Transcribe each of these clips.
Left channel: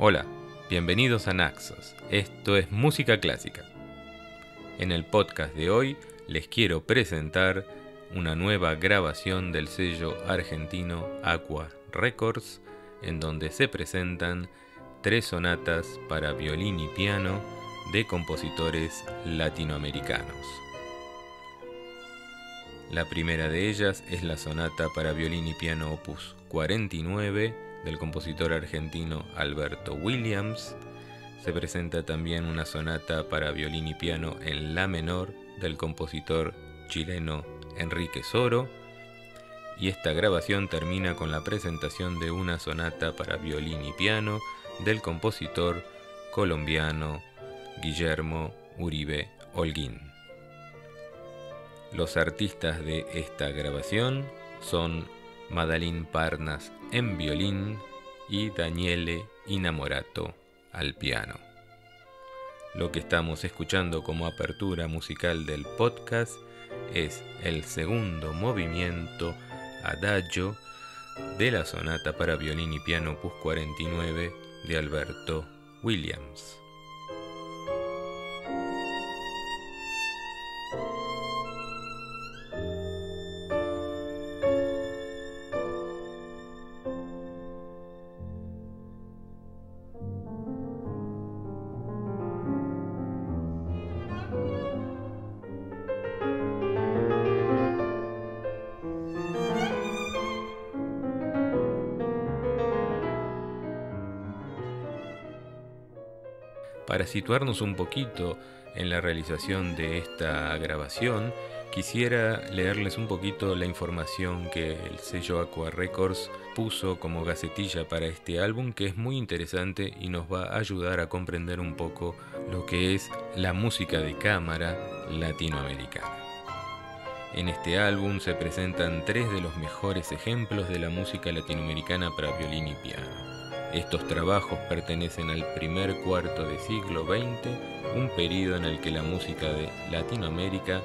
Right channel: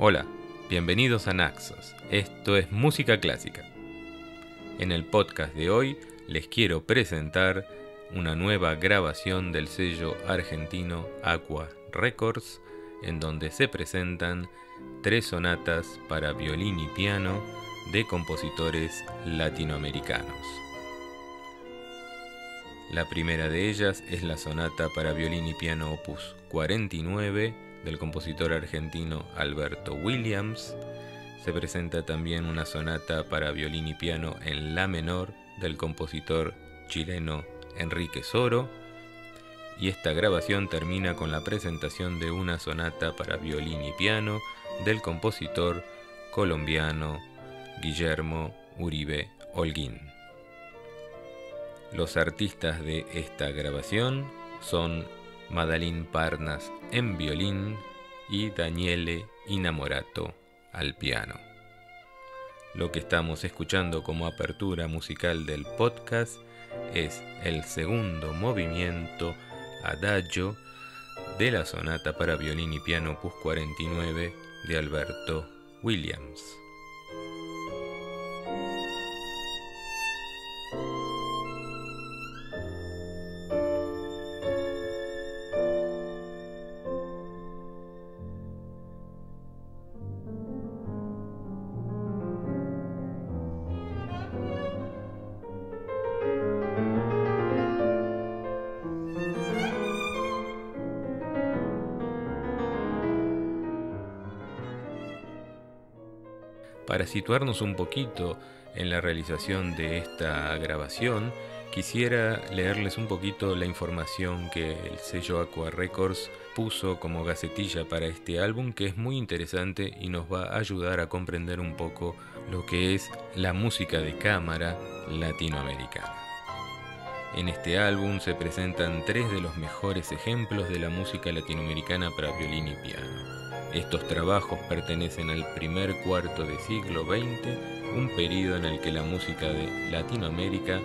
Hola, bienvenidos a Naxos. Esto es música clásica. En el podcast de hoy les quiero presentar una nueva grabación del sello argentino Aqua Records, en donde se presentan 3 sonatas para violín y piano de compositores latinoamericanos. La primera de ellas es la sonata para violín y piano opus 49 del compositor argentino Alberto Williams. Se presenta también una sonata para violín y piano en la menor del compositor chileno Enrique Soro. Y esta grabación termina con la presentación de una sonata para violín y piano del compositor colombiano Guillermo Uribe Holguín. Los artistas de esta grabación son Madalyn Parnas en violín y Daniele Inamorato al piano. Lo que estamos escuchando como apertura musical del podcast es el segundo movimiento Adagio de la sonata para violín y piano opus 49 de Alberto Williams. Para situarnos un poquito en la realización de esta grabación, quisiera leerles un poquito la información que el sello Aqua Records puso como gacetilla para este álbum, que es muy interesante y nos va a ayudar a comprender un poco lo que es la música de cámara latinoamericana. En este álbum se presentan 3 de los mejores ejemplos de la música latinoamericana para violín y piano. Estos trabajos pertenecen al primer cuarto de siglo XX, un periodo en el que la música de Latinoamérica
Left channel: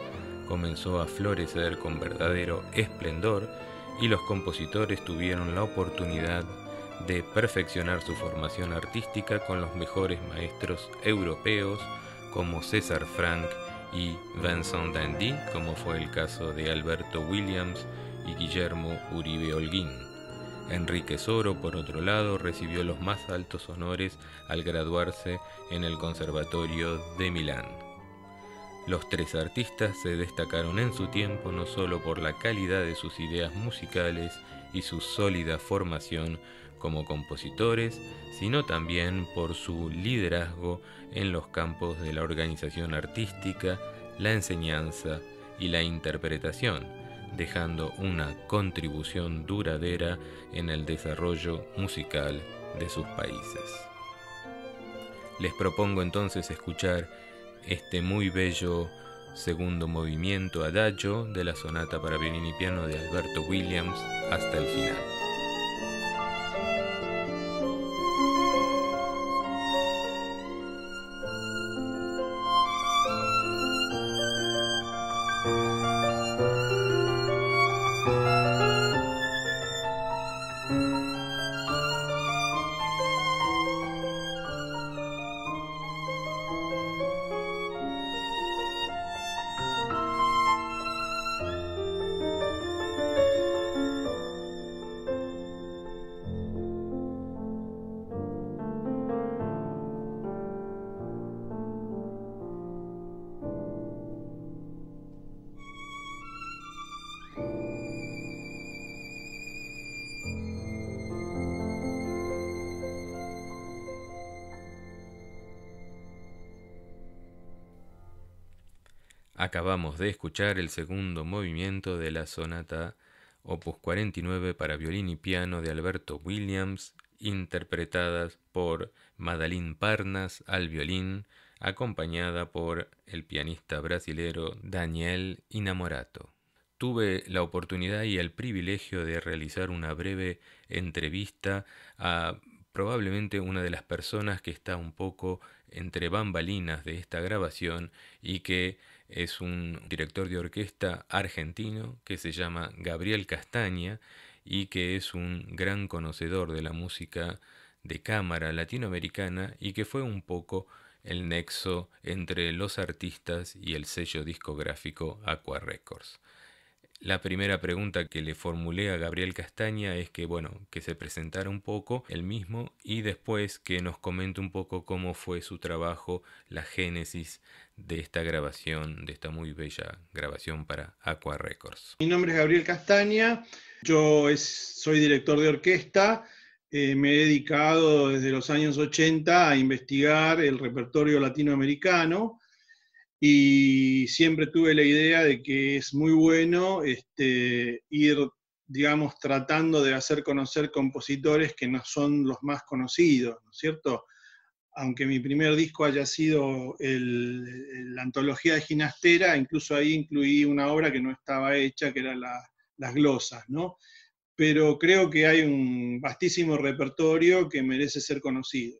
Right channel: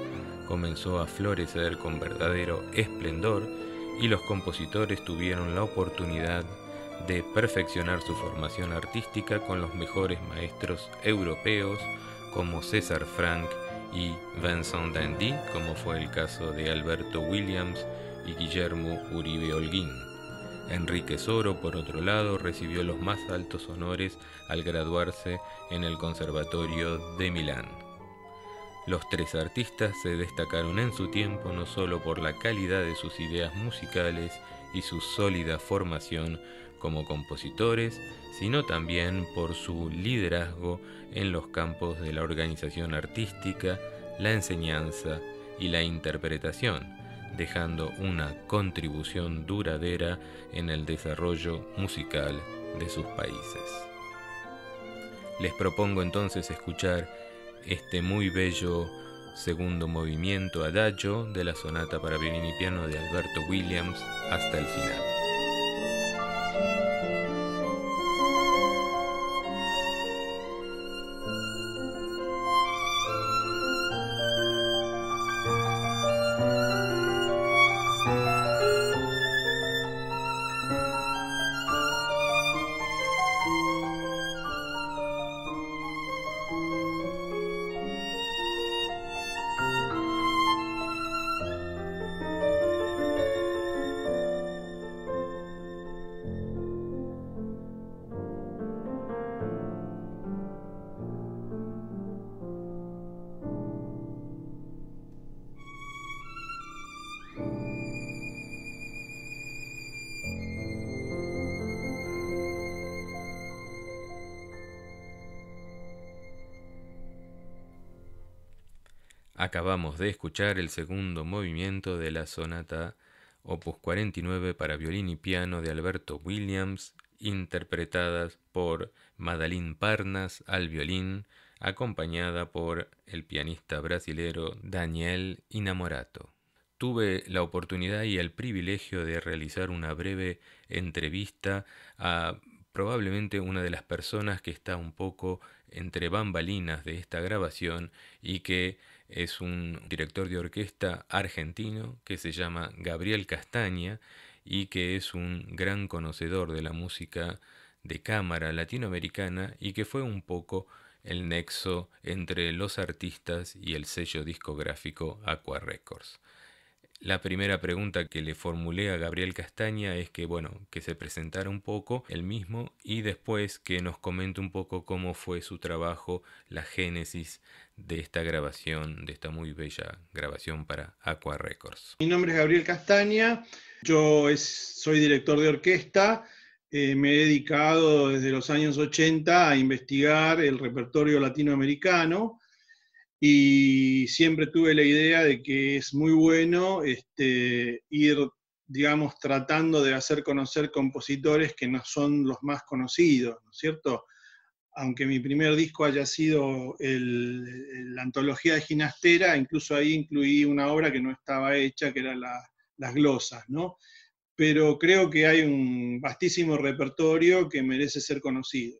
comenzó a florecer con verdadero esplendor y los compositores tuvieron la oportunidad de perfeccionar su formación artística con los mejores maestros europeos como César Franck y Vincent d'Indy, como fue el caso de Alberto Williams y Guillermo Uribe Holguín. Enrique Soro, por otro lado, recibió los más altos honores al graduarse en el Conservatorio de Milán. Los 3 artistas se destacaron en su tiempo no solo por la calidad de sus ideas musicales y su sólida formación como compositores, sino también por su liderazgo en los campos de la organización artística, la enseñanza y la interpretación, dejando una contribución duradera en el desarrollo musical de sus países. Les propongo entonces escuchar este muy bello segundo movimiento Adagio de la sonata para violín y piano de Alberto Williams hasta el final. Acabamos de escuchar el segundo movimiento de la sonata opus 49 para violín y piano de Alberto Williams, interpretadas por Madalyn Parnas al violín, acompañada por el pianista brasilero Daniele Inamorato. Tuve la oportunidad y el privilegio de realizar una breve entrevista a probablemente una de las personas que está un poco entre bambalinas de esta grabación y que es un director de orquesta argentino que se llama Gabriel Castaña y que es un gran conocedor de la música de cámara latinoamericana y que fue un poco el nexo entre los artistas y el sello discográfico Aqua Records. La primera pregunta que le formulé a Gabriel Castaña es que, bueno, que se presentara un poco él mismo y después que nos comente un poco cómo fue su trabajo, la génesis de esta grabación, de esta muy bella grabación para Aqua Records. Mi nombre es Gabriel Castaña, yo soy director de orquesta, me he dedicado desde los años 80 a investigar el repertorio latinoamericano y siempre tuve la idea de que es muy bueno ir, digamos, tratando de hacer conocer compositores que no son los más conocidos, ¿no es cierto? Aunque mi primer disco haya sido la antología de Ginastera, incluso ahí incluí una obra que no estaba hecha, que era las glosas, ¿no? Pero creo que hay un vastísimo repertorio que merece ser conocido.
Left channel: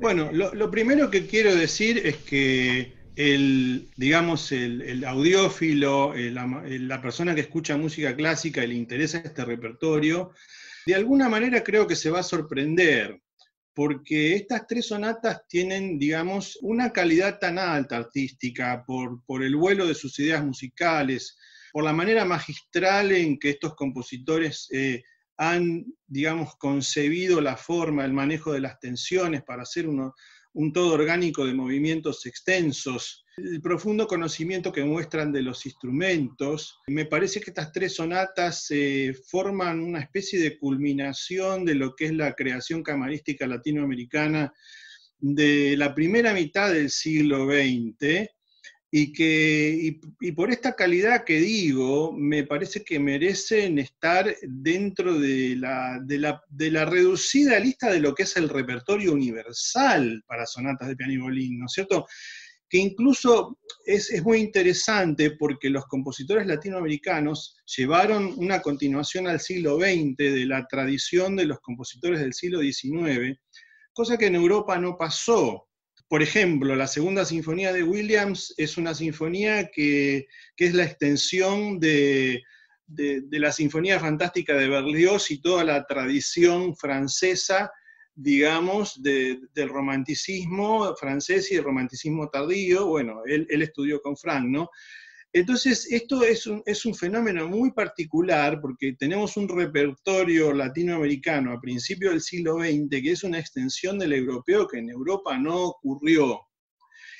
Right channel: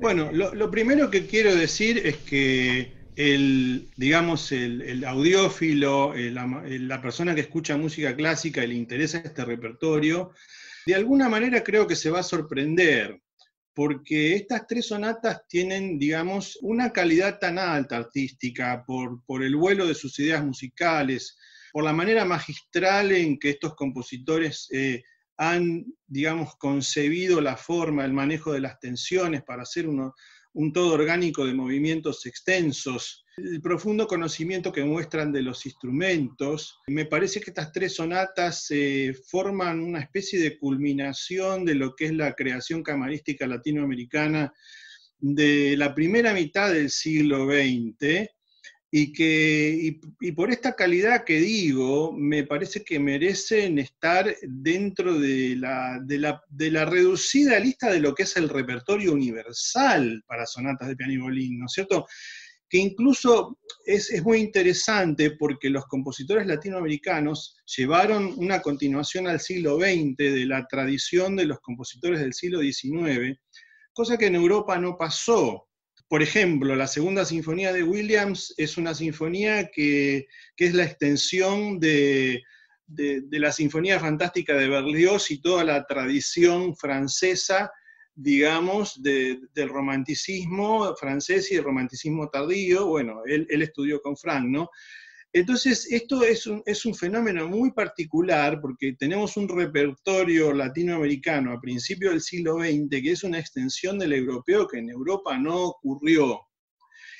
Bueno, lo primero que quiero decir es que digamos, el audiófilo, la persona que escucha música clásica y le interesa este repertorio, de alguna manera creo que se va a sorprender, porque estas tres sonatas tienen, digamos, una calidad tan alta artística por el vuelo de sus ideas musicales, por la manera magistral en que estos compositores han, digamos, concebido la forma, el manejo de las tensiones para hacer un todo orgánico de movimientos extensos, el profundo conocimiento que muestran de los instrumentos. Me parece que estas tres sonatas forman una especie de culminación de lo que es la creación camarística latinoamericana de la primera mitad del siglo XX, y por esta calidad que digo, me parece que merecen estar dentro de la reducida lista de lo que es el repertorio universal para sonatas de piano y violín, ¿no es cierto? Que incluso es muy interesante porque los compositores latinoamericanos llevaron una continuación al siglo XX de la tradición de los compositores del siglo XIX, cosa que en Europa no pasó. Por ejemplo, la segunda sinfonía de Williams es una sinfonía que es la extensión de la Sinfonía Fantástica de Berlioz y toda la tradición francesa, digamos, del romanticismo francés y el romanticismo tardío. Bueno, él estudió con Franck, ¿no? Entonces, esto es un fenómeno muy particular porque tenemos un repertorio latinoamericano a principios del siglo XX que es una extensión del europeo que en Europa no ocurrió.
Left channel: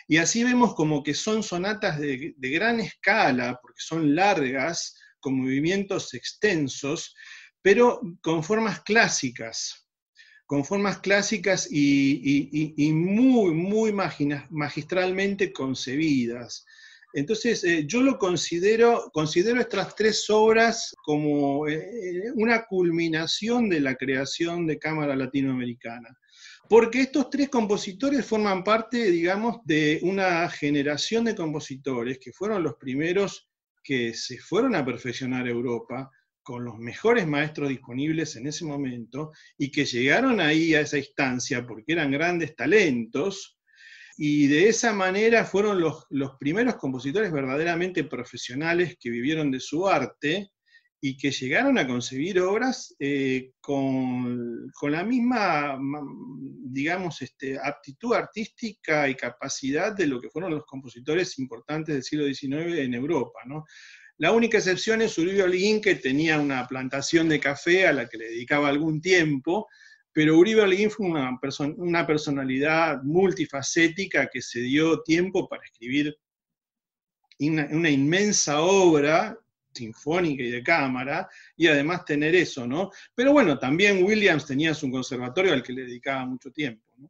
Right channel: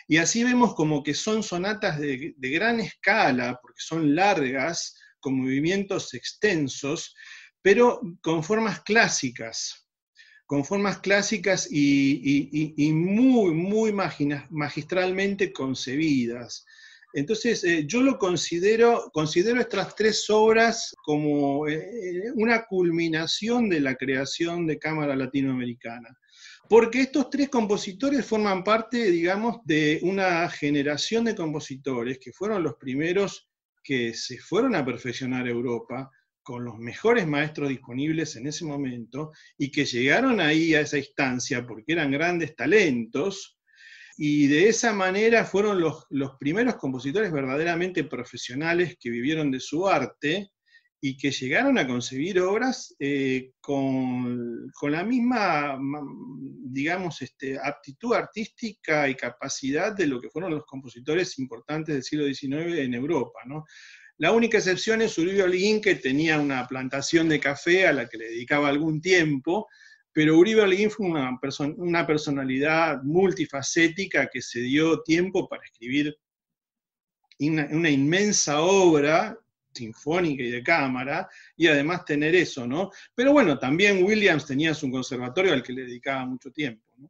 Y así vemos como que son sonatas de gran escala, porque son largas, con movimientos extensos, pero con formas clásicas y muy, muy magistralmente concebidas. Entonces, yo considero estas tres obras como una culminación de la creación de cámara latinoamericana. Porque estos tres compositores forman parte, digamos, de una generación de compositores que fueron los primeros que se fueron a perfeccionar a Europa con los mejores maestros disponibles en ese momento y que llegaron ahí a esa instancia porque eran grandes talentos. Y de esa manera fueron los primeros compositores verdaderamente profesionales que vivieron de su arte y que llegaron a concebir obras con la misma, digamos, aptitud artística y capacidad de lo que fueron los compositores importantes del siglo XIX en Europa, ¿no? La única excepción es Uribe Holguín, que tenía una plantación de café a la que le dedicaba algún tiempo, pero Uribe Holguín fue una personalidad multifacética que se dio tiempo para escribir una inmensa obra sinfónica y de cámara, y además tener eso, ¿no? Pero bueno, también Williams tenía su conservatorio al que le dedicaba mucho tiempo, ¿no?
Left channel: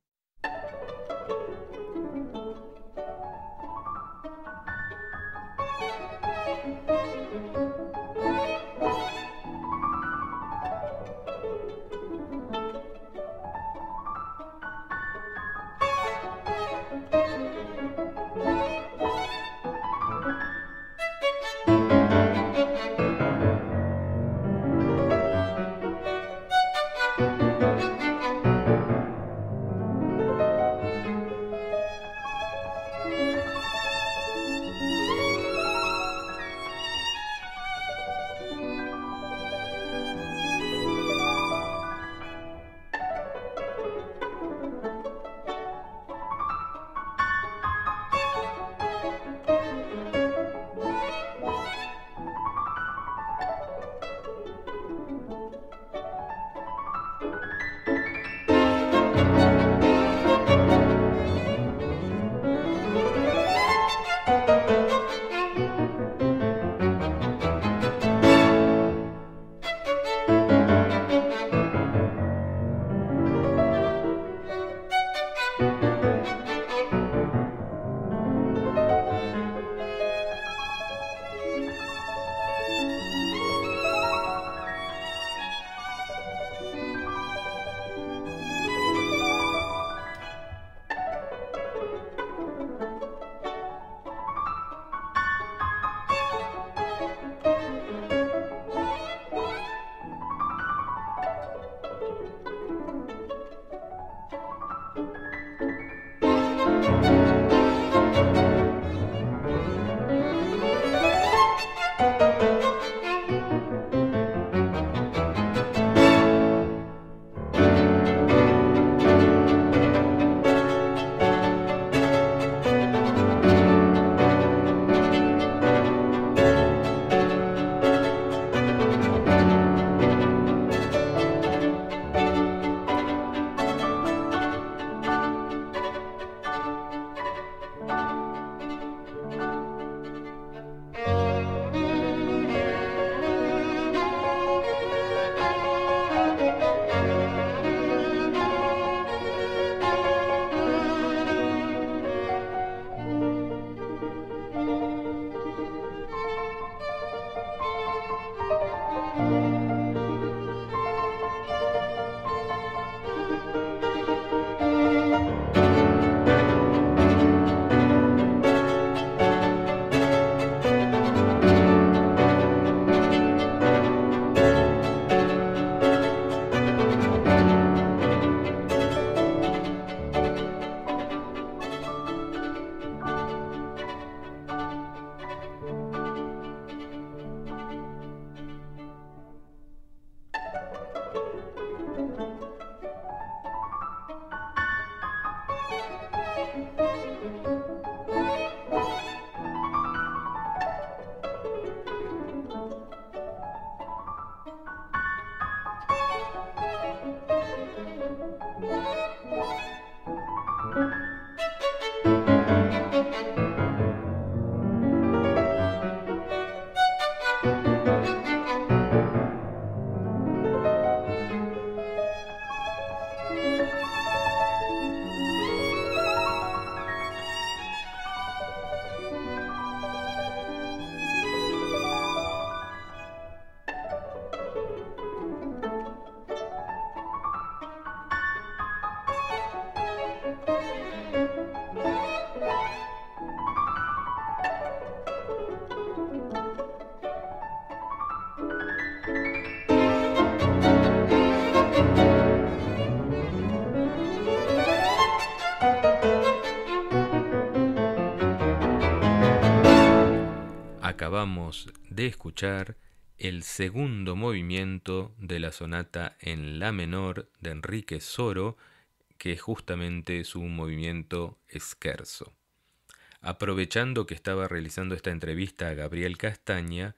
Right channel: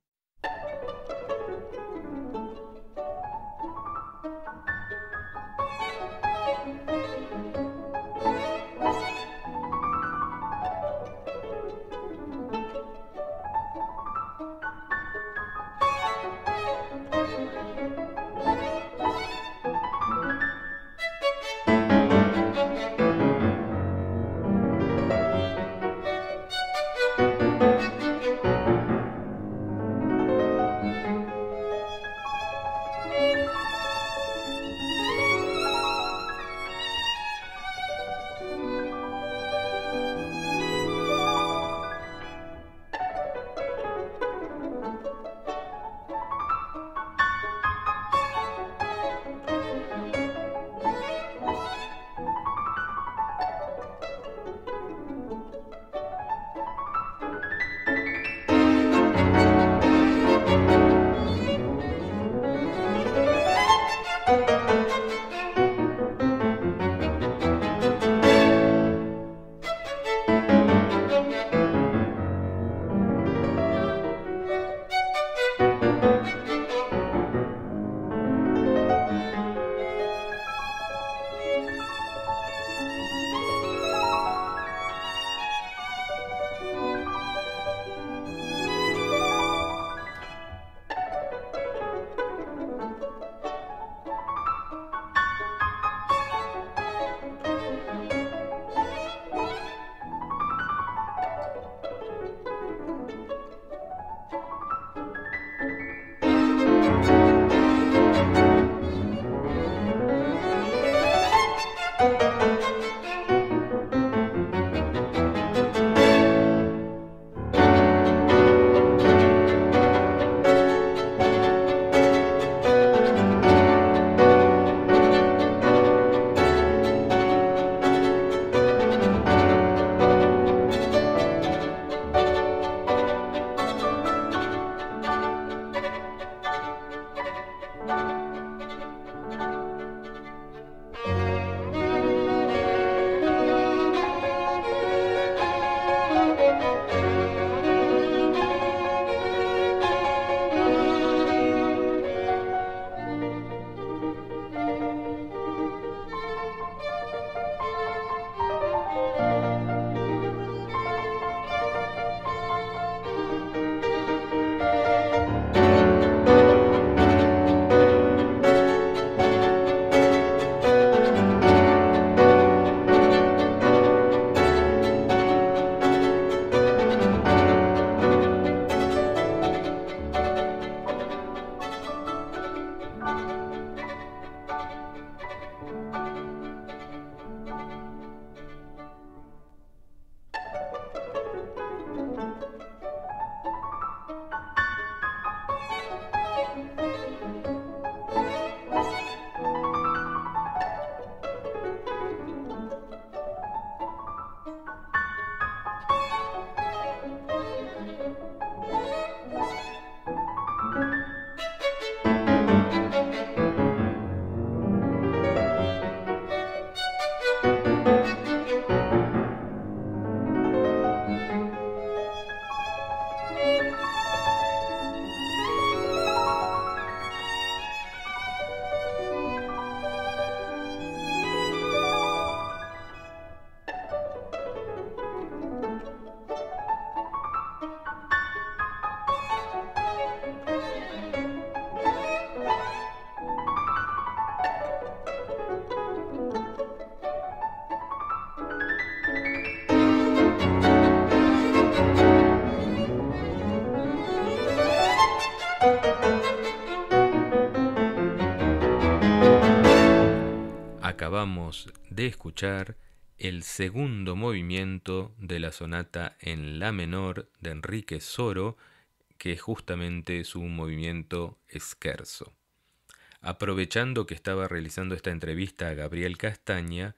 Acabamos de escuchar el segundo movimiento de la sonata en la menor de Enrique Soro, que es justamente su movimiento scherzo. Aprovechando que estaba realizando esta entrevista a Gabriel Castaña,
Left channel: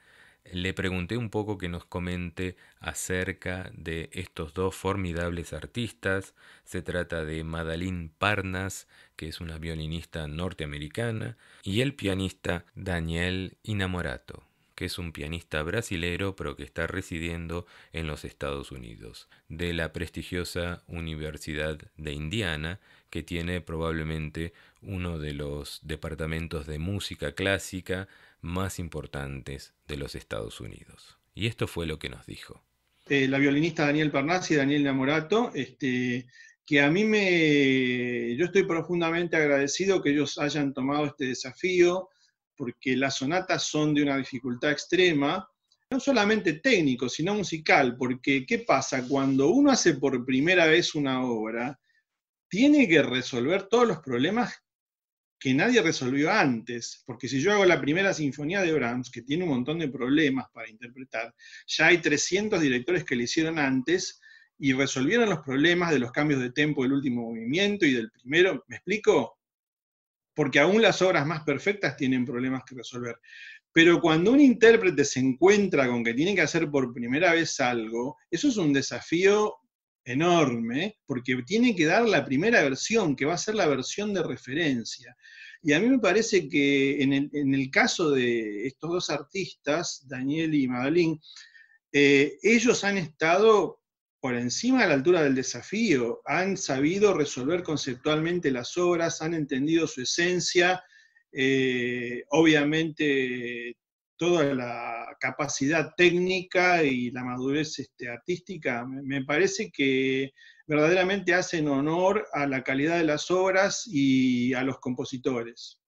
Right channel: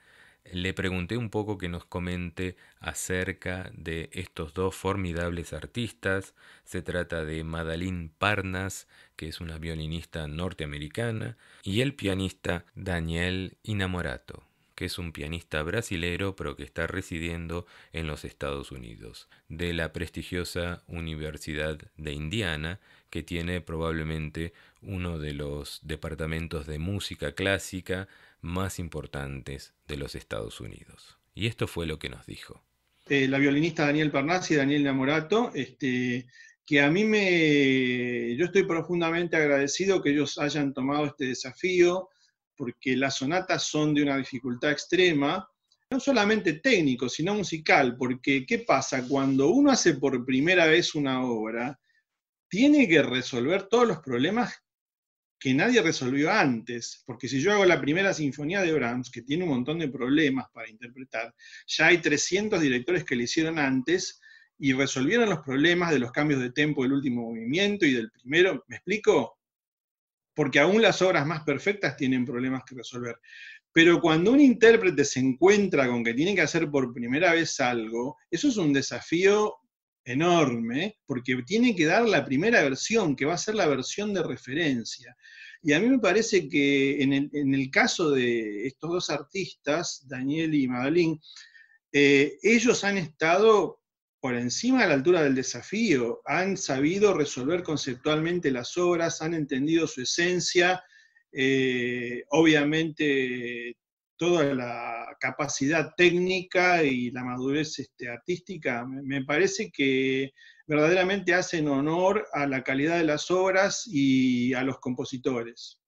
le pregunté un poco que nos comente acerca de estos dos formidables artistas. Se trata de Madalyn Parnas, que es una violinista norteamericana, y el pianista Daniel Innamorato, que es un pianista brasilero pero que está residiendo en los Estados Unidos, de la prestigiosa Universidad de Indiana, que tiene probablemente uno de los departamentos de música clásica más importantes de los Estados Unidos. Y esto fue lo que nos dijo. La violinista Daniel Parnas y Daniel Innamorato, que a mí yo estoy profundamente agradecido que ellos hayan tomado este desafío, porque las sonatas son de una dificultad extrema, no solamente técnico, sino musical, porque ¿qué pasa? Cuando uno hace por primera vez una obra, tiene que resolver todos los problemas que nadie resolvió antes, porque si yo hago la primera sinfonía de Brahms, que tiene un montón de problemas para interpretar, ya hay 300 directores que le hicieron antes y resolvieron los problemas de los cambios de tempo del último movimiento y del primero, ¿me explico? Porque aún las obras más perfectas tienen problemas que resolver. Pero cuando un intérprete se encuentra con que tiene que hacer por primera vez algo, eso es un desafío enorme, porque tiene que dar la primera versión, que va a ser la versión de referencia. Y a mí me parece que en el caso de estos dos artistas, Daniel y Madalyn, ellos han estado por encima de la altura del desafío, han sabido resolver conceptualmente las obras, han entendido su esencia, obviamente toda la capacidad técnica y la madurez artística, me parece que verdaderamente hacen honor a la calidad de las obras y a los compositores.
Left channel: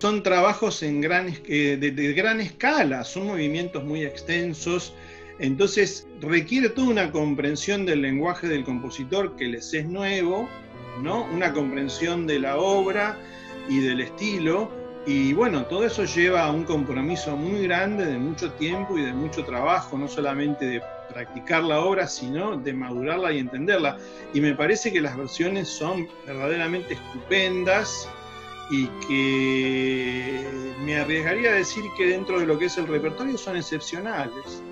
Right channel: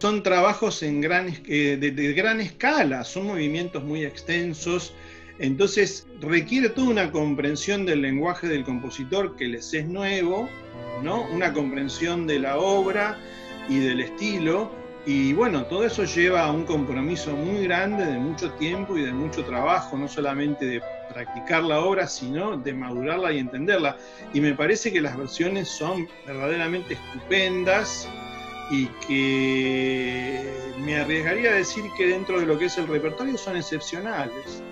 Son trabajos de gran escala, son movimientos muy extensos, entonces requiere toda una comprensión del lenguaje del compositor que les es nuevo, ¿no? Una comprensión de la obra y del estilo, y bueno, todo eso lleva a un compromiso muy grande de mucho tiempo y de mucho trabajo, no solamente de practicar la obra, sino de madurarla y entenderla. Y me parece que las versiones son verdaderamente estupendas, y que me arriesgaría a decir que dentro de lo que es el repertorio son excepcionales.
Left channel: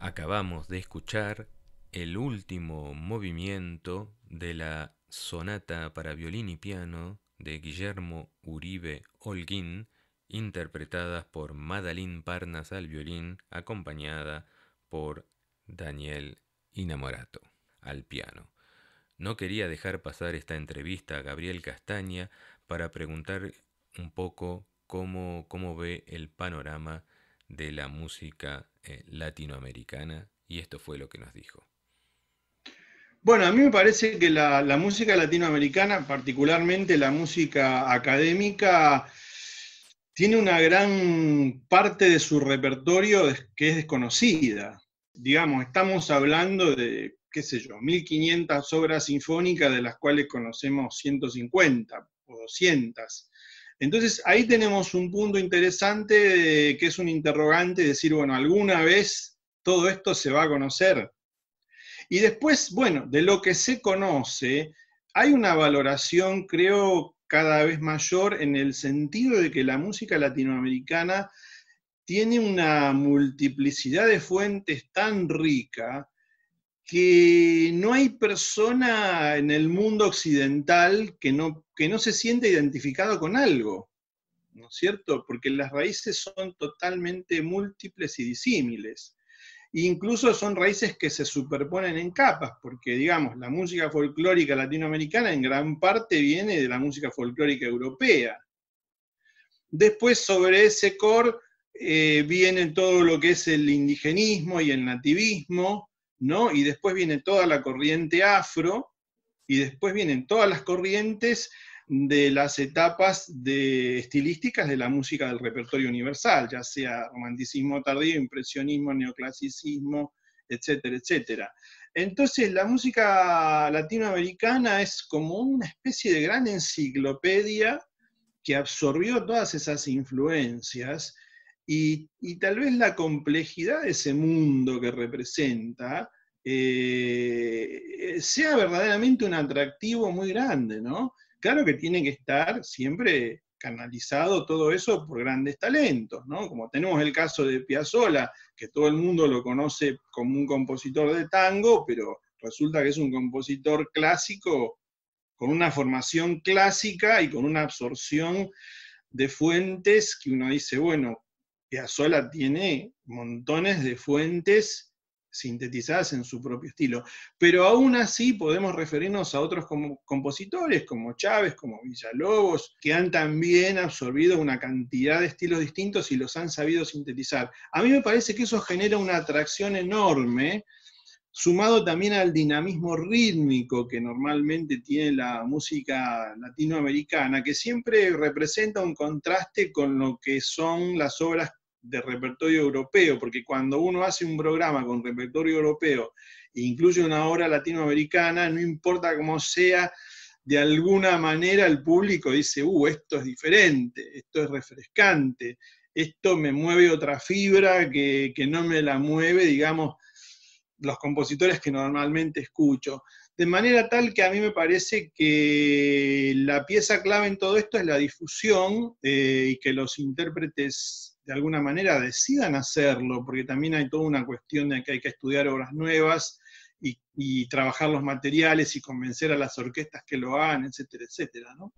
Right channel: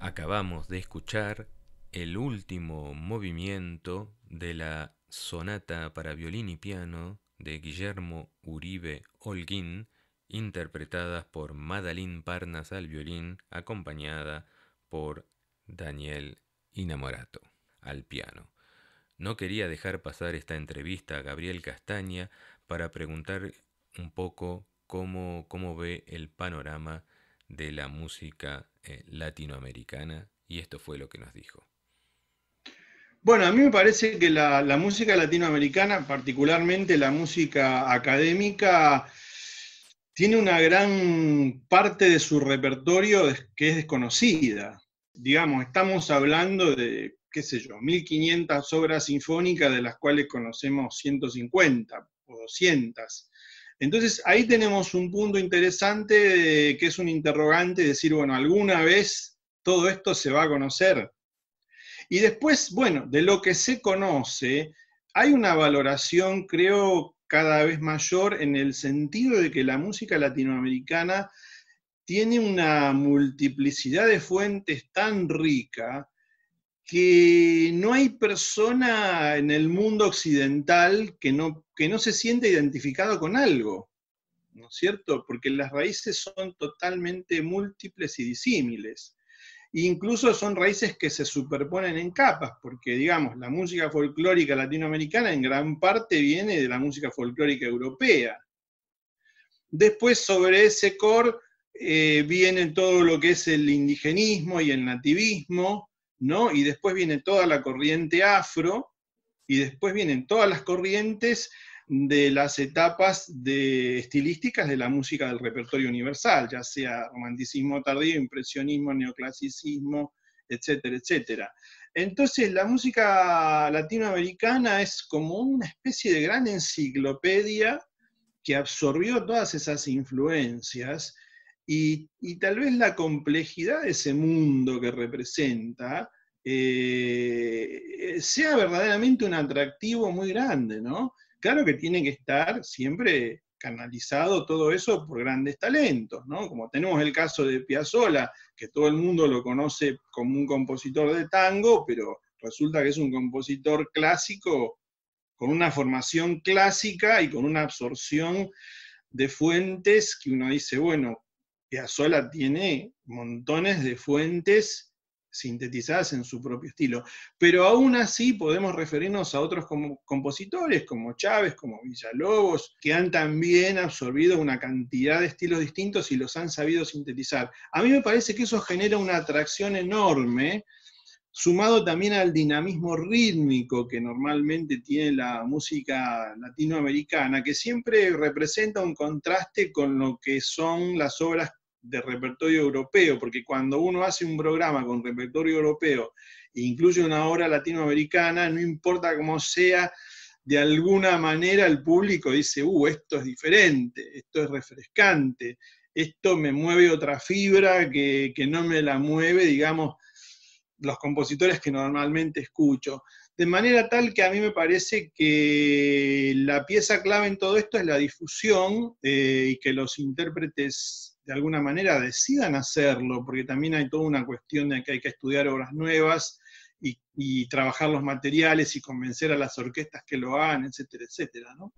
Acabamos de escuchar el último movimiento de la sonata para violín y piano de Guillermo Uribe Holguín, interpretadas por Madalyn Parnas al violín, acompañada por Daniel Inamorato al piano. no quería dejar pasar esta entrevista a Gabriel Castaña para preguntar un poco cómo ve el panorama de la música latinoamericana, y esto fue lo que nos dijo. Bueno, a mí me parece que la música latinoamericana, particularmente la música académica, tiene una gran parte de su repertorio que es desconocida. Digamos, estamos hablando de, qué sé yo, 1500 obras sinfónicas, de las cuales conocemos 150 o 200. Entonces ahí tenemos un punto interesante que es un interrogante, decir, bueno, ¿alguna vez todo esto se va a conocer? Y después, bueno, de lo que se conoce, hay una valoración, creo, cada vez mayor en el sentido de que la música latinoamericana tiene una multiplicidad de fuentes tan rica que no hay persona en el mundo occidental que no se siente identificado con algo, ¿no es cierto? Porque las raíces son totalmente múltiples y disímiles. Incluso son raíces que se superponen en capas, porque digamos, la música folclórica latinoamericana en gran parte viene de la música folclórica europea. Después sobre ese core viene todo lo que es el indigenismo y el nativismo, ¿no? Y después viene toda la corriente afro, y después vienen todas las corrientes de las etapas estilísticas de la música del repertorio universal, ya sea romanticismo tardío, impresionismo, neoclasicismo, etcétera, etcétera. Entonces la música latinoamericana es como una especie de gran enciclopedia que absorbió todas esas influencias y tal vez la complejidad de ese mundo que representa sea verdaderamente un atractivo muy grande, ¿no? Claro que tiene que estar siempre canalizado todo eso por grandes talentos, ¿no? Como tenemos el caso de Piazzolla, que todo el mundo lo conoce como un compositor de tango, pero resulta que es un compositor clásico con una formación clásica y con una absorción de fuentes que uno dice, bueno, Piazzolla tiene montones de fuentes sintetizadas en su propio estilo. Pero aún así podemos referirnos a otros compositores como Chávez, como Villalobos, que han también absorbido una cantidad de estilos distintos y los han sabido sintetizar. A mí me parece que eso genera una atracción enorme, sumado también al dinamismo rítmico que normalmente tiene la música latinoamericana, que siempre representa un contraste con lo que son las obras de repertorio europeo, porque cuando uno hace un programa con repertorio europeo e incluye una obra latinoamericana, no importa cómo sea, de alguna manera el público dice, esto es diferente, esto es refrescante, esto me mueve otra fibra que no me la mueve, digamos, los compositores que normalmente escucho. De manera tal que a mí me parece que la pieza clave en todo esto es la difusión y que los intérpretes de alguna manera decidan hacerlo, porque también hay toda una cuestión de que hay que estudiar obras nuevas y trabajar los materiales y convencer a las orquestas que lo hagan, etcétera, etcétera, ¿no?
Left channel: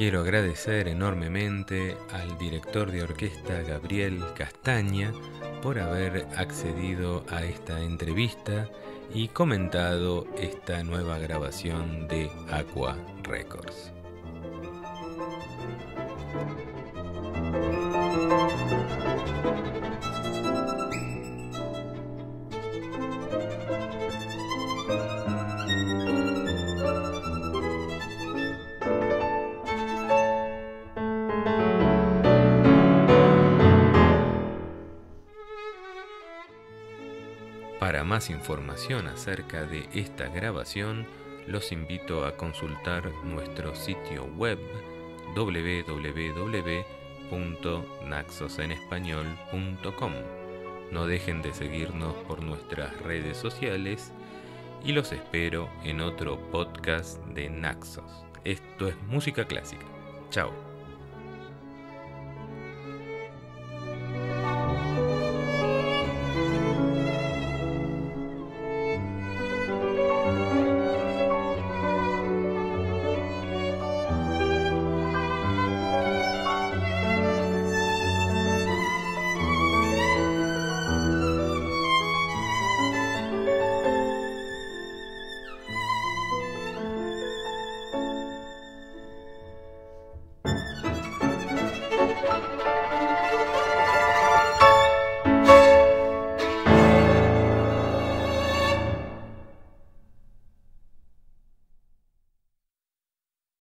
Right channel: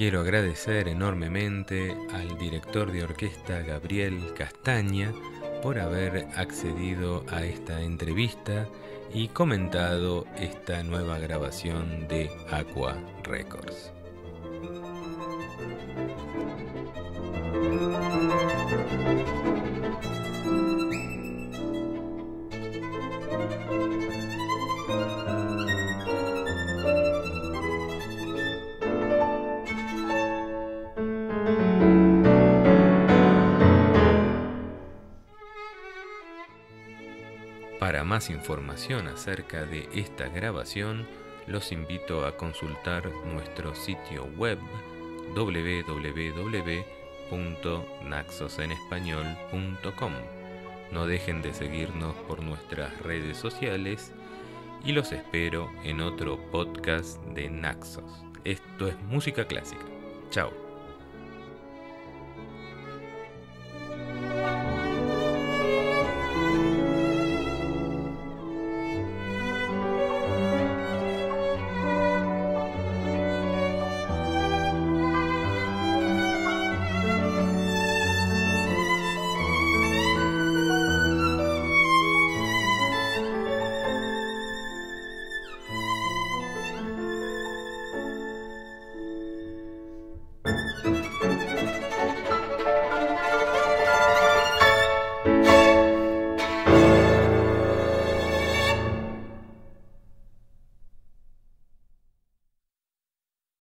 Quiero agradecer enormemente al director de orquesta Gabriel Castaña por haber accedido a esta entrevista y comentado esta nueva grabación de Aqua Records. Para más información acerca de esta grabación, los invito a consultar nuestro sitio web www.naxosenespañol.com. No dejen de seguirnos por nuestras redes sociales y los espero en otro podcast de Naxos. Esto es Música Clásica. Chao.